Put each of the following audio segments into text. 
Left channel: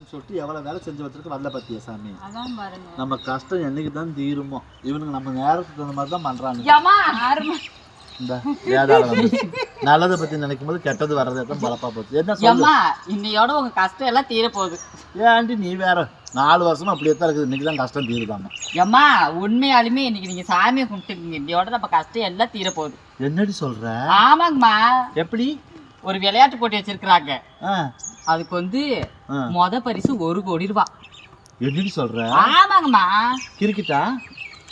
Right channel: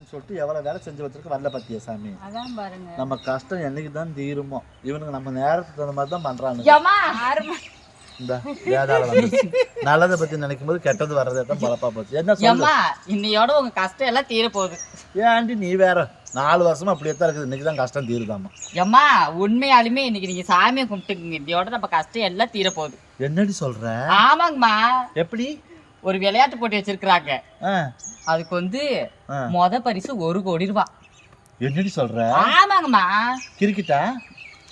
சொல்லிட்டு எவ்வளவு வேலை செஞ்சு வச்சிருக்க வரல பாத்தியா சாமி? நம்ம கஷ்டம் என்னைக்கு தான் தீருமோ? இவனுக்கு நம்ம நேரத்துக்கு தகுந்த மாதிரி தான் வந்து. நல்லதை பத்தி நினைக்கும் போது கெட்டது வர்றது தான் பொழப்பா போச்சு. என்ன இன்னையோட உங்க கஷ்டம் எல்லாம் தீர போகுது. ஏன்டி நீ வேற. நாலு வருஷமா அப்படியே தான் இருக்குது. இன்னைக்கு தான் கஷ்டம் தீருதாமா? ஏம்மா உண்மையாலுமே இன்னைக்கு நீங்க சாமியை கும்பிட்டுக்குங்க இன்னையோட நம்ம கஷ்டம் எல்லாம் தீர போகுது. என்னடி சொல்ற? ஆமாங்கம்மா. எப்படி? ஒரு விளையாட்டு போட்டி வச்சிருக்கிறாங்க. அதுக்கு வந்து. மொத பரிசு ஒரு கோடி ரூபா. என்னடி சொல்ற? ஆமாங்கம்மா. கிரிக்கெட்டா?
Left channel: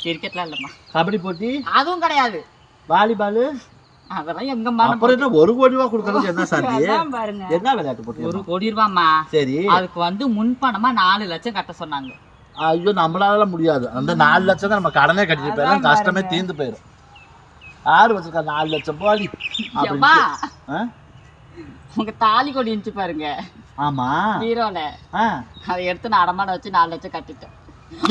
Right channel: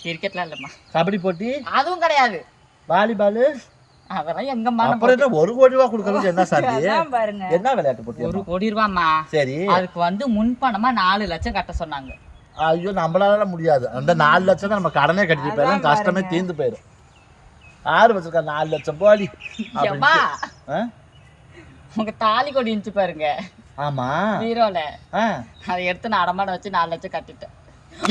கிரிக்கெட்லாம் இல்லம்மா. கபடி போட்டி? அதுவும் கிடையாது. வாலிபால்? அதெல்லாம் எங்கம்மா அப்புறம் ஒரு கோடி ரூபா கொடுக்கறதுக்கு என்ன பாருங்க. என்ன விளையாட்டு ஒரு போட்டி கோடி ரூபாம்மா. சரி. அதுக்கு வந்து முன்பணமா நாலு லட்சம் கட்ட சொன்னாங்க. ஐயோ நம்மளால முடியாது. அந்த நாலு லட்சம் தான் நம்ம கடனே கட்டிட்டு போயிடும். கஷ்டமே தீர்ந்து போயிடும். ஆறு வச்சிருக்கா நாலு லட்சம் போடி. ஆ? உங்க தாலி கொடி இருந்துச்சு பாருங்க. ஆமா. ஹீரோல. அதை எடுத்து நான் அடமானம் வச்சு நாலு லட்சம் கட்டிட்டேன்.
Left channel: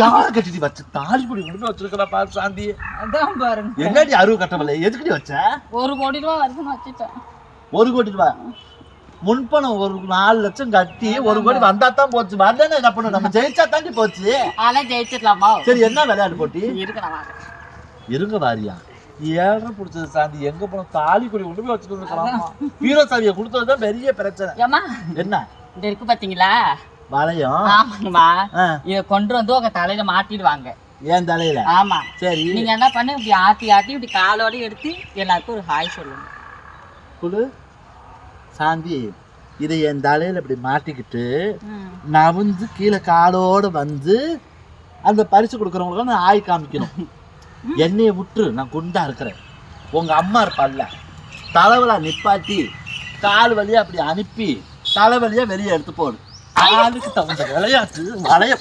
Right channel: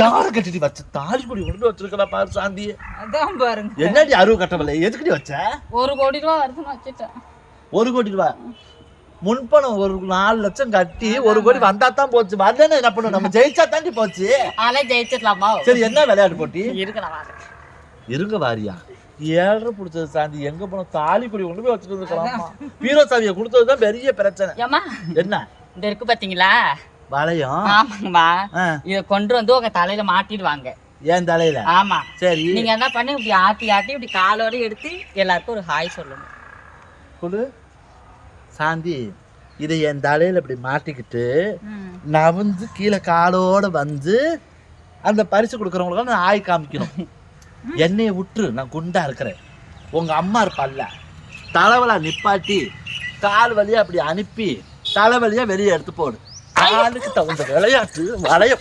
யார கட்டிட்டு வச்ச தாலி கொடி கொண்டு வச்சிருக்கா பாரு சாந்தி. அதான் பாருங்க. என்னடி அருவு கட்டவில்லை எதுக்கடி வச்ச? ஒரு கோடி ரூபா வருதுன்னு வச்சுட்டேன். ஒரு கோடி ரூபாய் முன்பணம் ஒரு நாலு லட்சம் கட்டி ஒரு கோடி வந்தா தான் போச்சு. வரலன்னா என்ன பண்ணும்? நம்ம ஜெயிச்சா தாண்டி போச்சு. அதெல்லாம் ஜெயிச்சிடலாமா? சரி என்ன விளையாட்டு போட்டி? இருங்க வாரியா. ஏழரை பிடிச்சது சாந்தி எங்க போனோம் தாலி கொடி கொண்டு போய் வச்சுட்டு இருக்கிறோம் வீர சாவியை கொடுத்ததுதான் பெரிய பிரச்சனை. என்ன? இந்த இருக்கு பாத்தீங்களா? வளையம். ஆமாங்கம்மா இத கொண்டு வந்து உங்க தலையில மாட்டிடுவாங்க. ஏன் தலையில? ஆமா. சரி. நீங்க என்ன பண்ணு இப்படி ஆட்டி ஆட்டி இப்படி காலோட எடுத்து எல்லாருக்கும் ஒரு ஹாய் சொல்லுங்க. குடு. சாந்தி இதை என் தலையில இப்படி மாட்டிக்கிட்டு நவுந்து கீழே காலோட வந்து அந்த பரிசு கொடுக்குறவங்களுக்கு நான் ஆய் காமிக்கணும். என்னைய விட்டுரு நான் குண்டா இருக்கிறேன். உங்க அம்மா இருப்பாள்ல. தலைவலா நிப்பாட்டி கால் வழியா அப்படி அனுப்பி தலைவலியா வெளியே எடுத்து போடு. காலுக்கு தகுந்த விளையாட்டு வளைய